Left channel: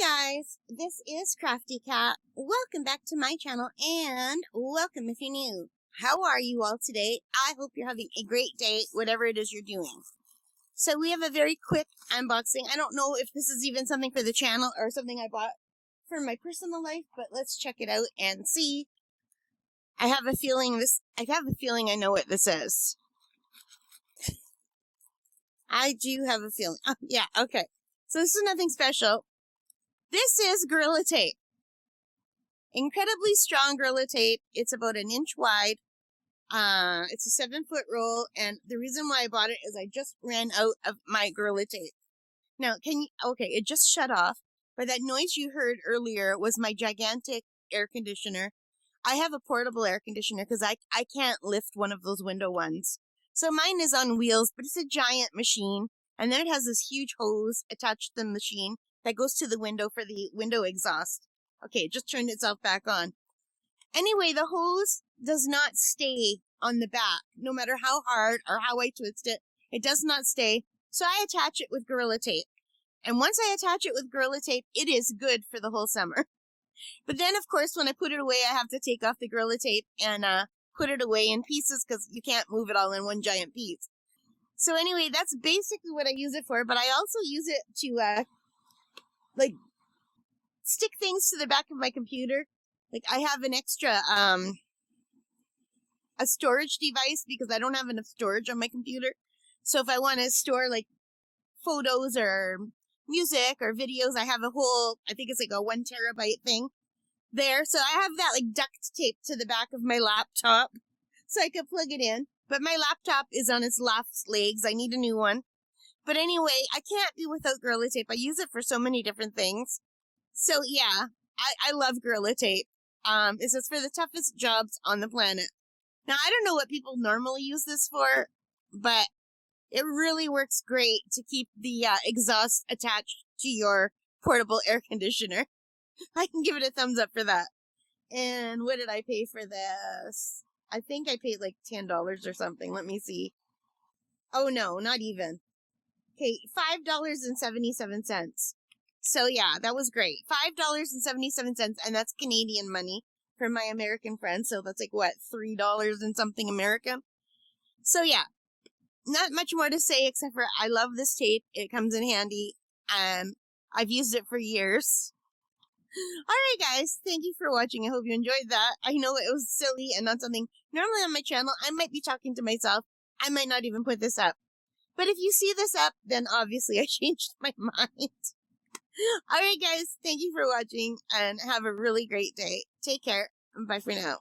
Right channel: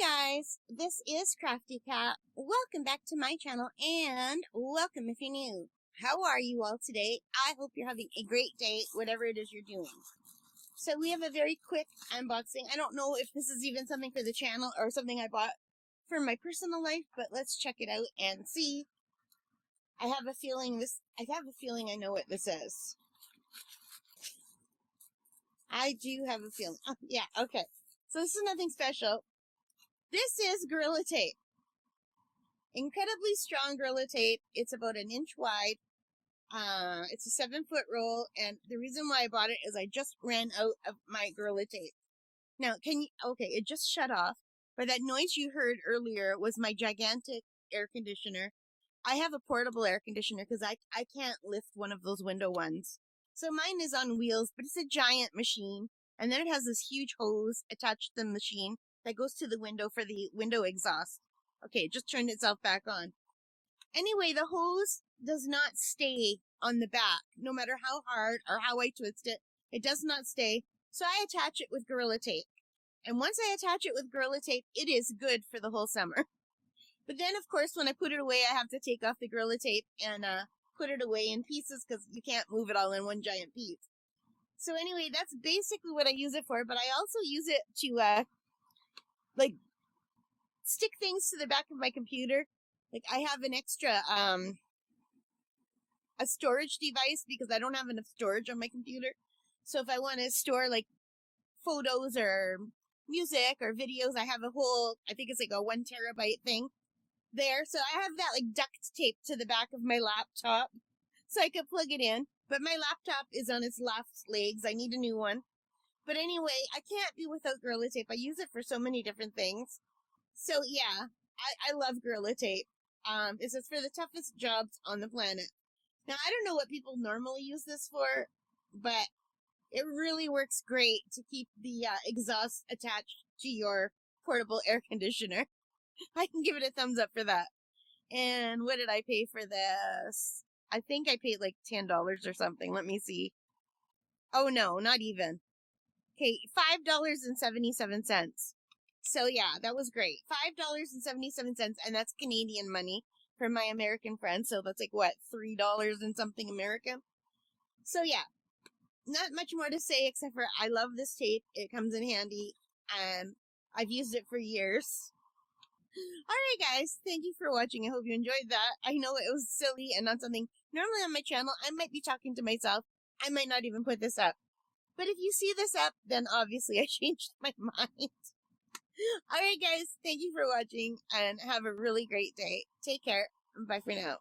Hi guys, this is Crafty Cat. Welcome back to my channel and welcome if you're new. How are you all today? I hope you're having a great day, whatever it is you're doing. So we have a very quick unboxing. I don't know if this is even something for the channel or something I bought for my personal life, but let's check it out and see. I have a feeling I know what this is. I do have a feeling. Oh, yeah, okay. So this is nothing special. This is Gorilla Tape. Incredibly strong Gorilla Tape. It's about 1 inch wide. It's a 7-foot roll, and the reason why I bought it is I just ran out of my Gorilla Tape. Now, okay, it just shut off, but that noise you heard earlier was my gigantic air conditioner. I have a portable air conditioner because I can't lift one of those window ones. So mine is on wheels, but it's a giant machine, and then it has this huge hose attached to the machine that goes to the window for the window exhaust. Okay, it just turned itself back on. Anyway, the hose does not stay on the back. No matter how hard or how I twist it, it does not stay. So I attach it with Gorilla Tape. And once I attach it with Gorilla Tape, it is good for the whole summer. But then, of course, when I put it away, I have to take off the Gorilla Tape and put it away in pieces because you can't move it all in one giant piece. So anyway, that's basically what I use it for. But I also use it to stick things to the back of my computer. Like I have an extra a storage device because I don't have enough storage on my computer. So if I want to store like photos or music or videos, I have a whole, I think it's like a 1 terabyte thing there. So I have that like duct tape to the back of my laptop so I could plug it in. But my laptop is on its last legs. I need a new one. But anyway, I can't be without Gorilla Tape. I use it for so many different things. So yeah, I love Gorilla Tape. It says for the toughest jobs on the planet. Now, I don't know what people normally use this for, but it really works great to keep the exhaust attached to your portable air conditioner. I can give it a thumbs up for that. And what did I pay for this? I think I paid like $10 or something. Let me see. Oh no, not even. Okay, $5.77. So yeah, that was great. $5.77, and that's Canadian money for my American friends. So that's like what, $3 and something American. So yeah, not much more to say except for I love this tape. It comes in handy. I've used it for years. Alright guys, thank you for watching. I hope you enjoyed that. I know it was silly and not something normally on my channel. I might be talking to myself. I might not even put this up. But if you see this up, then obviously I changed my mind. Alright guys, thank you for watching and have a really great day. Take care. Bye for now.